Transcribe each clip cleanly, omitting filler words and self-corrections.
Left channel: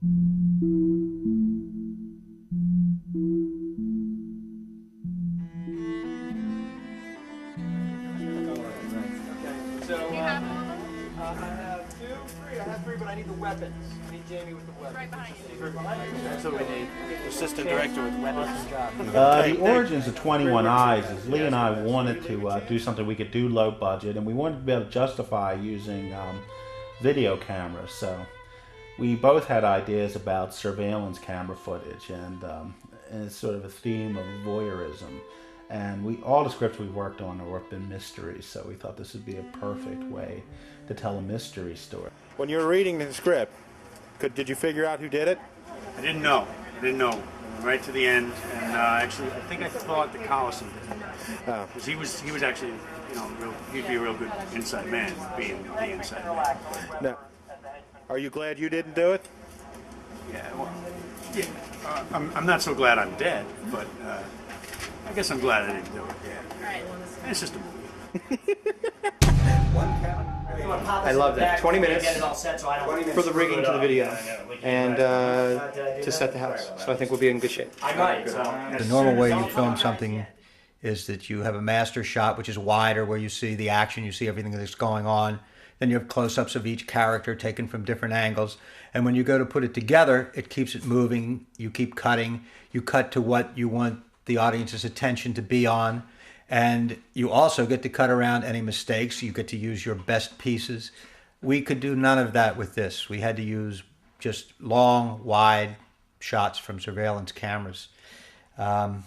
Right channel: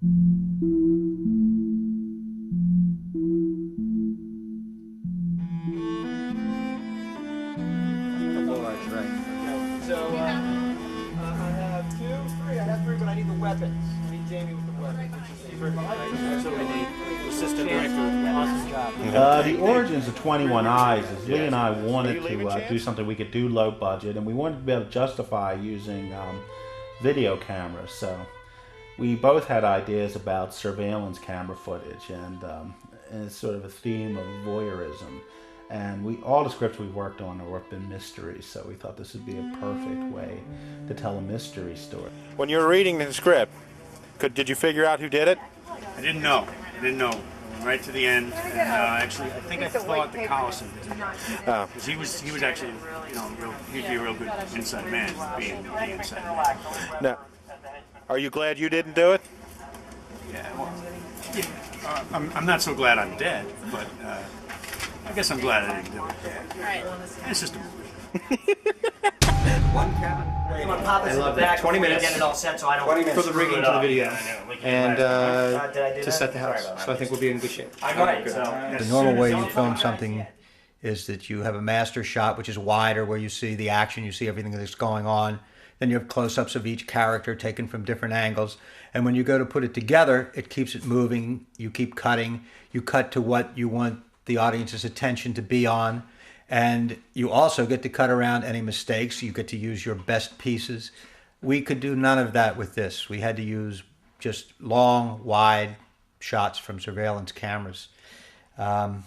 The origins of 21 Eyes is Lee and I wanted to do something we could do low budget, and we wanted to be able to justify using video cameras. So we both had ideas about surveillance camera footage, and it's sort of a theme of voyeurism. And all the scripts we worked on have been mysteries, so we thought this would be a perfect way to tell a mystery story. When you were reading the script, did you figure out who did it? I didn't know. Right to the end, and actually, I think I thought the Collison did it. Because he was actually, he'd be a real good inside man, being the inside man. Now, are you glad you didn't do it? Yeah, well, yeah. I'm not so glad I'm dead, but I guess I'm glad I didn't do it. Yeah. It's just a movie. One count. I love that. 20 minutes get it all set, so I don't for the rigging to the video and to set the house. So I think we'll be in good shape. The normal way you film something is that you have a master shot, which is wider, where you see the action, you see everything that's going on. Then you have close-ups of each character taken from different angles. And when you go to put it together, it keeps it moving. You keep cutting. You cut to what you want the audience's attention to be on. And you also get to cut around any mistakes. You get to use your best pieces. We could do none of that with this. We had to use just long, wide shots from surveillance cameras. So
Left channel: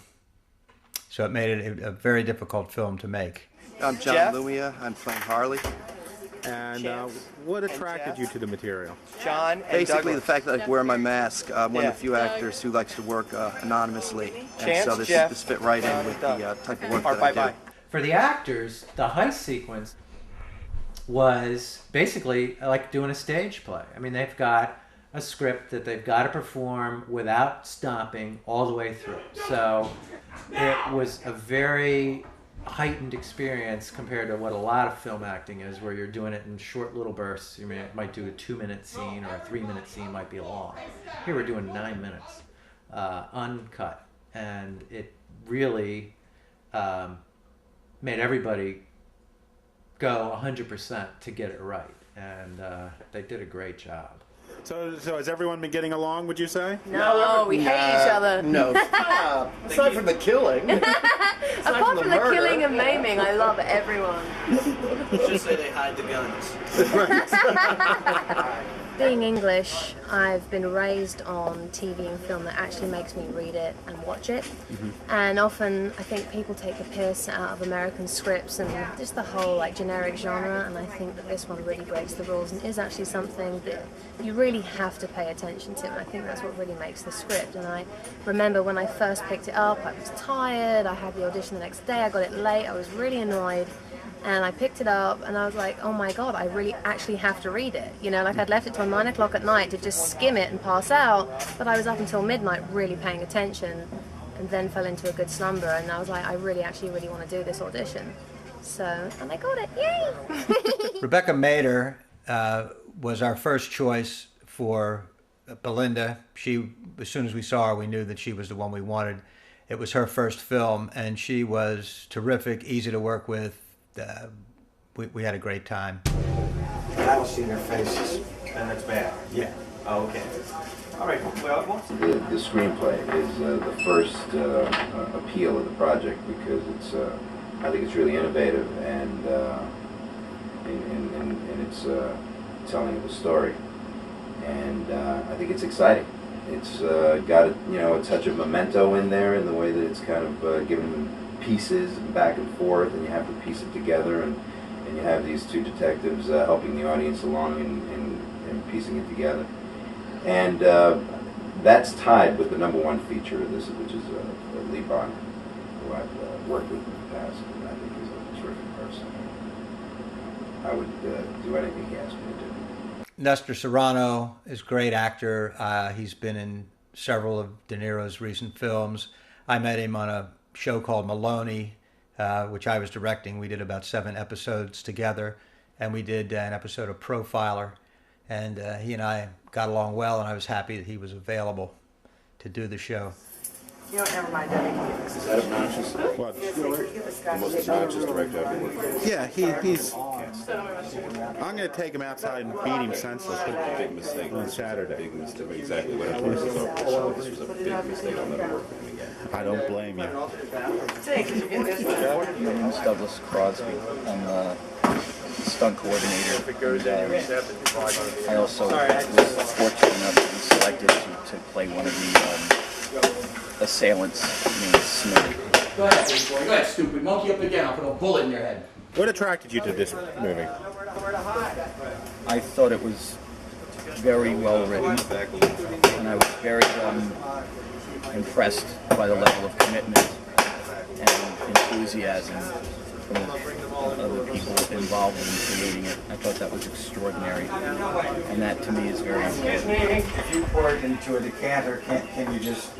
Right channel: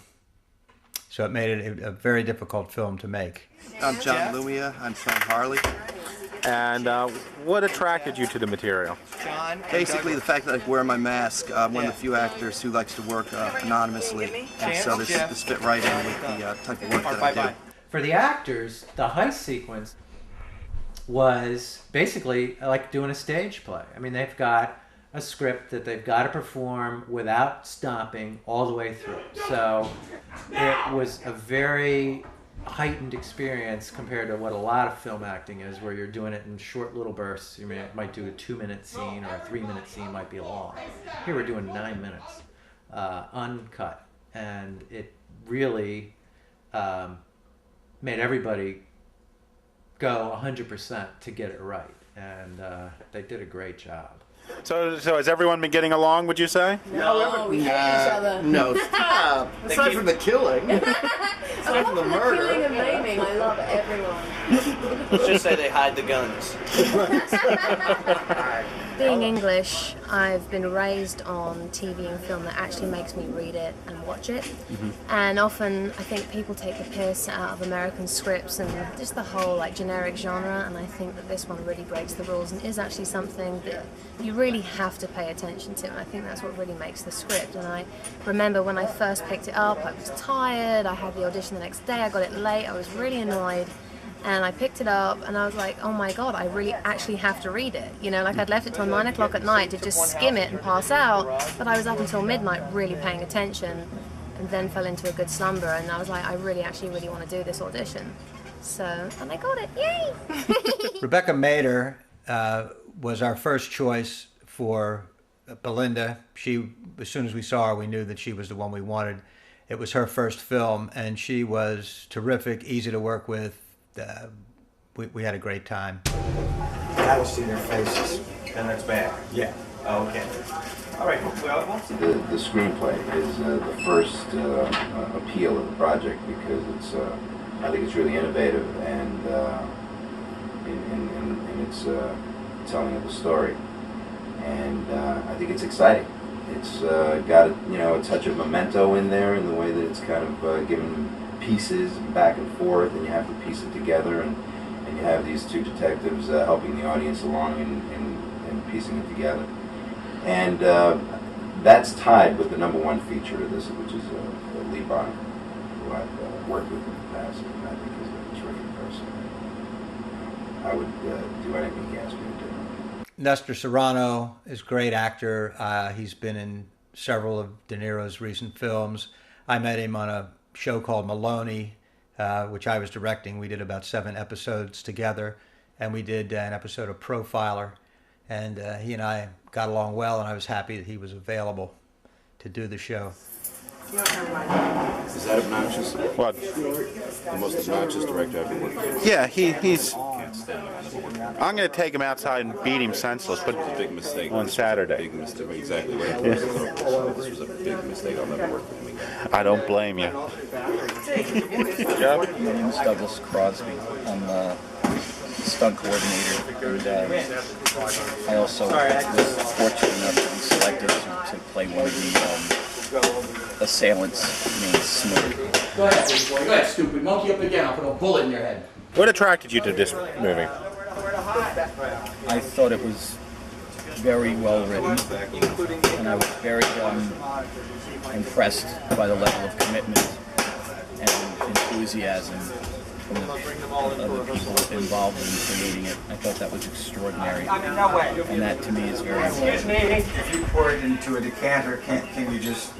it made it a very difficult film to make. I'm John Lumia. I'm from Harley. And what attracted you to the material? John. Basically, the fact that I wear my mask. I'm one of the few actors who likes to work anonymously, and so this fit right in with the type of work that I do. For the actors, the heist sequence was basically like doing a stage play. I mean, they've got a script that they've got to perform without stopping all the way through. So it was a very heightened experience compared to what a lot of film acting is, where you're doing it in short little bursts. You might do a 2-minute scene, or a 3-minute scene might be long. Here we're doing 9 minutes, uncut, and it really made everybody go 100% to get it right, and they did a great job. So has everyone been getting along, would you say? No, we hate each other. No, aside from the killing. Aside from the murder. Killing and maiming, I love everyone. Let's just say they hide the guns. Being English, I've been raised on TV and film that actually makes me read it and watch it. And often I think people take the piss out of American scripts and just the whole generic genre, and I think that this one really breaks the rules and is actually something that you really have to pay attention to, and I think that's what really makes the script. And I remember when I first picked it up, I was tired, I had the audition the next day, I got it late, I was really annoyed. And I picked it up and I was like, oh my God, I really actually have to read it. I'd left it till 9 o'clock at night to just skim it and pass out, but I was up until midnight really paying attention, and then fell into a good slumber, and I was like, I really want to do this audition. And I got it, yay! Rebecca Mader was our first choice for Belinda. As soon as we saw her, we knew that she was the one we wanted. It was her first film, and she was terrific, easy to work with. We had a great time. I don't see their faces. And that's bad. Yeah. Oh, okay. All right. Well, the screenplay is the first appeal of the project, because I think it's really innovative and in its telling of the story, and I think it's exciting. It's got a touch of Memento in there, in the way that it's kind of given pieces back and forth, and you have to piece it together, and you have these two detectives helping the audience along and piecing it together. And that's tied with the #1 feature of this, which is Lee Bonner, who I've worked with in the past, and I think is a terrific person. And, I would do anything he asked me to do. Nestor Serrano is a great actor. He's been in several of De Niro's recent films. I met him on a show called Maloney, which I was directing. We did about 7 episodes together, and we did an episode of Profiler. and he and I got along well, and I was happy that he was available to do the show. Is that obnoxious? What? The most obnoxious director I've ever worked with. Yeah, he's. I'm going to take him outside and beat him senseless. But It's a big mistake. On Saturday. Big mistake. Exactly what it was. This was a big mistake. I'll never work with him again. I don't blame you. My name is Douglas Crosby. I'm the stunt coordinator. And, I also was fortunate enough to be selected to play one of the assailants named Smink. Go ahead, big boy. Go ahead, stupid. Monkey up again. I'll put a bullet in your head. What attracted you to this movie? I thought it was very well written, and I was very impressed by the level of commitment and enthusiasm from the people involved in creating it. I thought that was extraordinary, and that to me is very important. If you pour it into a decanter, can you just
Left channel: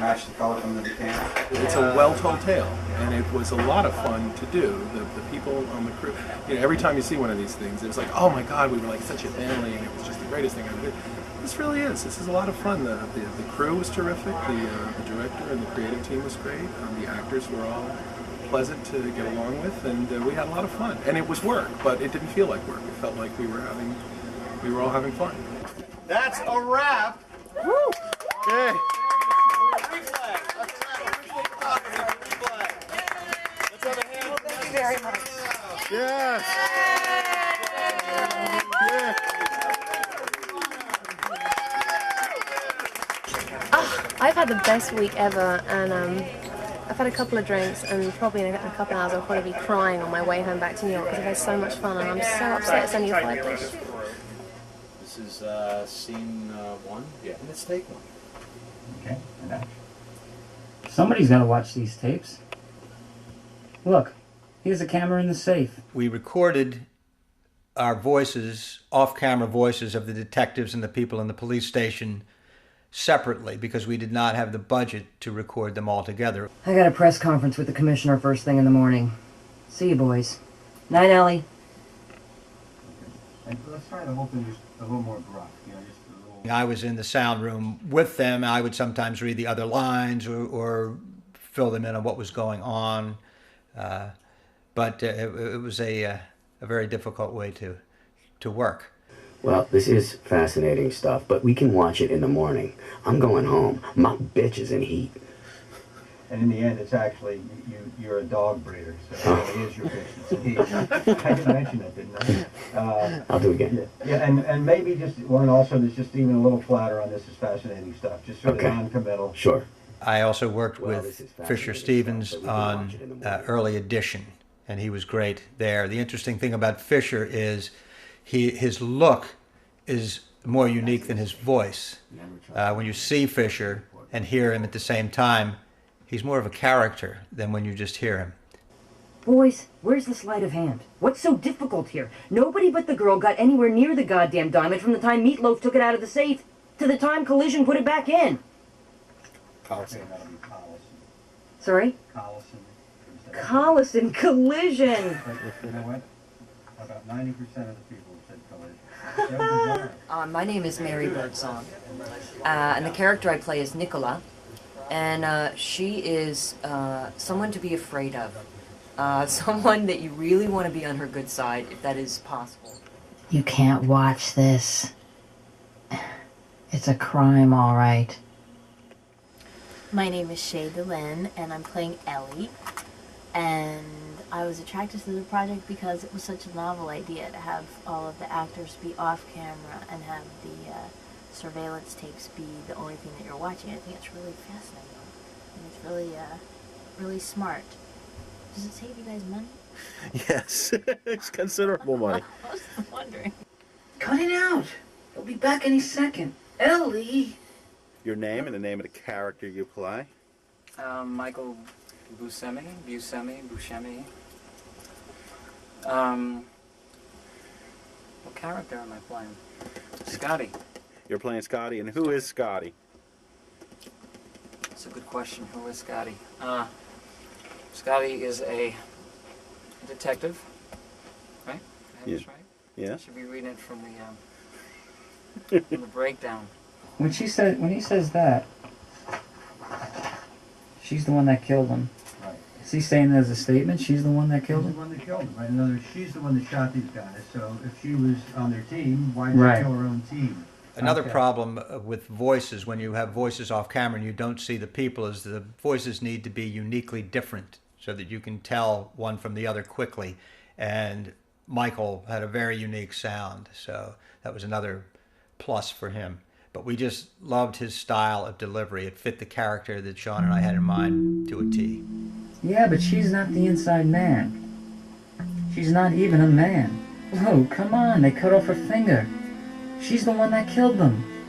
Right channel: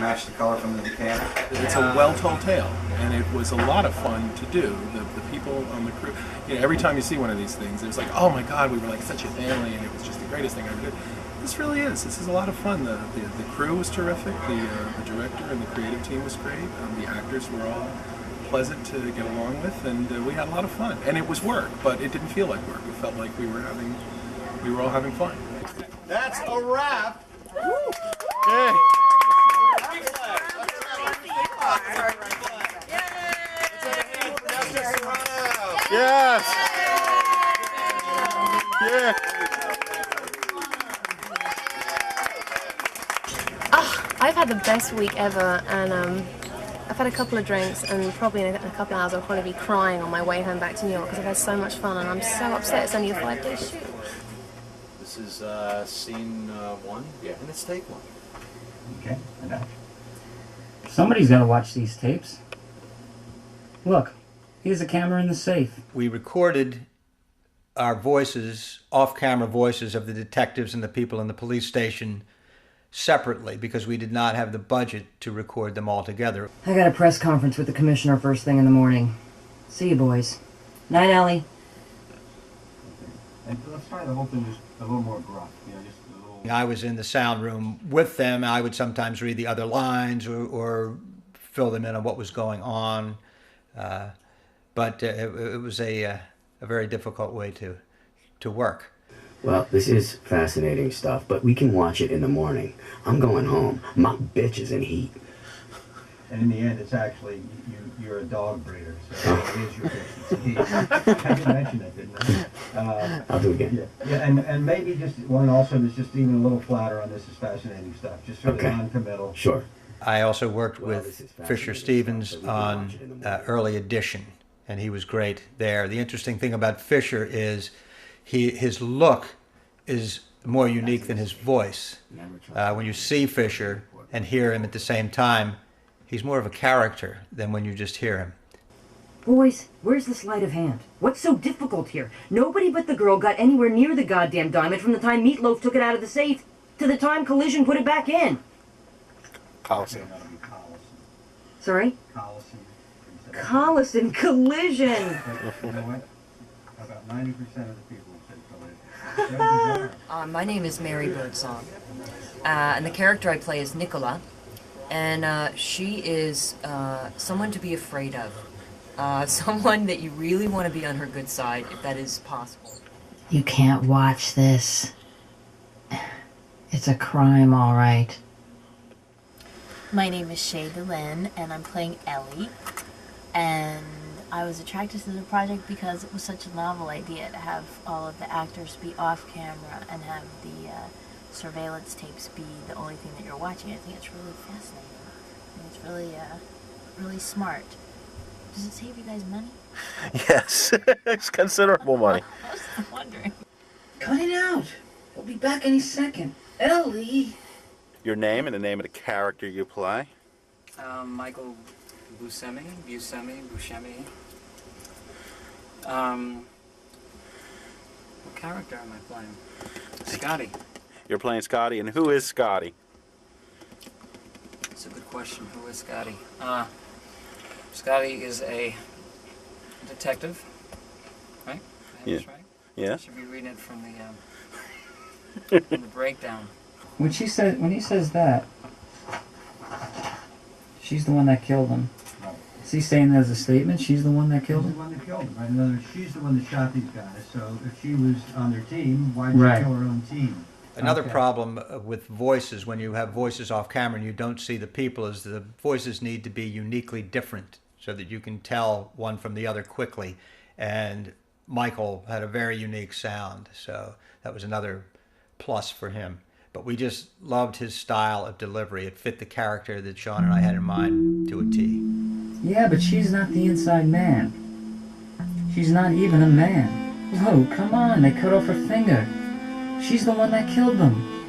match the color from the decanter? It's a well-told tale, and it was a lot of fun to do. The people on the crew, you know, every time you see one of these things, it was like, oh my God, we were like such a family, and it was just the greatest thing I ever did. This really is. This is a lot of fun. The crew was terrific. The director and the creative team was great. The actors were all pleasant to get along with, and we had a lot of fun. And it was work, but it didn't feel like work. It felt like we were all having fun. That's a wrap. Woo! Hey. Yes! Yeah! I've had the best week ever, and I've had a couple of drinks, and probably in a couple of hours I'll probably be crying on my way home back to New York because I've had so much fun, and I'm so upset it's only a 5-day shoot. This is scene 1, and it's take 1. Okay, and action. Somebody's got to watch these tapes. Look, here's a camera in the safe. We recorded our voices, off-camera voices of the detectives and the people in the police station separately because we did not have the budget to record them all together. I got a press conference with the commissioner first thing in the morning. See you, boys. Night, Ellie. Okay. And let's try the whole thing just a little more gruff, you know, just a little... I was in the sound room with them. I would sometimes read the other lines or fill them in on what was going on. But it was a very difficult way to work. Well, this is fascinating stuff, but we can watch it in the morning. I'm going home. My bitch is in heat. And in the end, it's actually, you're a dog breeder, so it is your bitch. It's heat. I did mention that, didn't I? I'll do it again. Yeah, and maybe just one also that's just even a little flatter on this is fascinating stuff, just sort of non-committal. Sure. I also worked with Fisher Stevens on Early Edition, and he was great there. The interesting thing about Fisher is his look is more unique than his voice. When you see Fisher and hear him at the same time, he's more of a character than when you just hear him. Boys, where's the sleight of hand? What's so difficult here? Nobody but the girl got anywhere near the goddamn diamond from the time Meatloaf took it out of the safe to the time Collison put it back in. Collison. Sorry? Collison. Collision. You know what? About 90% of the people said Collision. My name is Mary Birdsong, and the character I play is Nicola, and she is someone to be afraid of, someone that you really want to be on her good side, if that is possible. You can't watch this. It's a crime, all right. My name is Shae and I'm playing Ellie. And I was attracted to the project because it was such a novel idea to have all of the actors be off camera and have the surveillance tapes be the only thing that you're watching. I think it's really fascinating. I think it's really, really smart. Does it save you guys money? Yes, it's considerable money. I was wondering. Cut it out. He'll be back any second. Ellie! Your name and the name of the character you play? Michael Buscemi. What character am I playing? Scotty. You're playing Scotty, and who is Scotty? That's a good question. Who is Scotty? Scotty is a detective, right? I have this right? Yeah. I should be reading it from from the breakdown. When he says that, she's the one that killed him. Right. Is he saying that as a statement? She's the one that killed She's him? the one that killed him, right? In other words, she's the one that shot these guys. So if she was on their team, why did Right. she kill her own team? Another Okay. problem with voices, when you have voices off camera and you don't see the people, is the voices need to be uniquely different so that you can tell one from the other quickly. And Michael had a very unique sound, so that was another plus for him. But we just loved his style of delivery. It fit the character that Sean and I had in mind to a T. Yeah, but she's not the inside man. She's not even a man. Oh, come on, they cut off her finger. She's the one that killed them.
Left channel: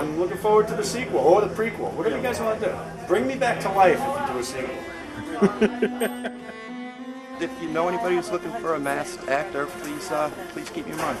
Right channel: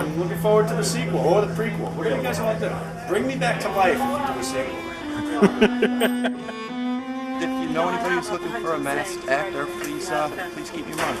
I'm looking forward to the sequel or the prequel. What do you guys want to do? Bring me back to life if you do a sequel. If you know anybody who's looking for a masked actor, please keep me in mind.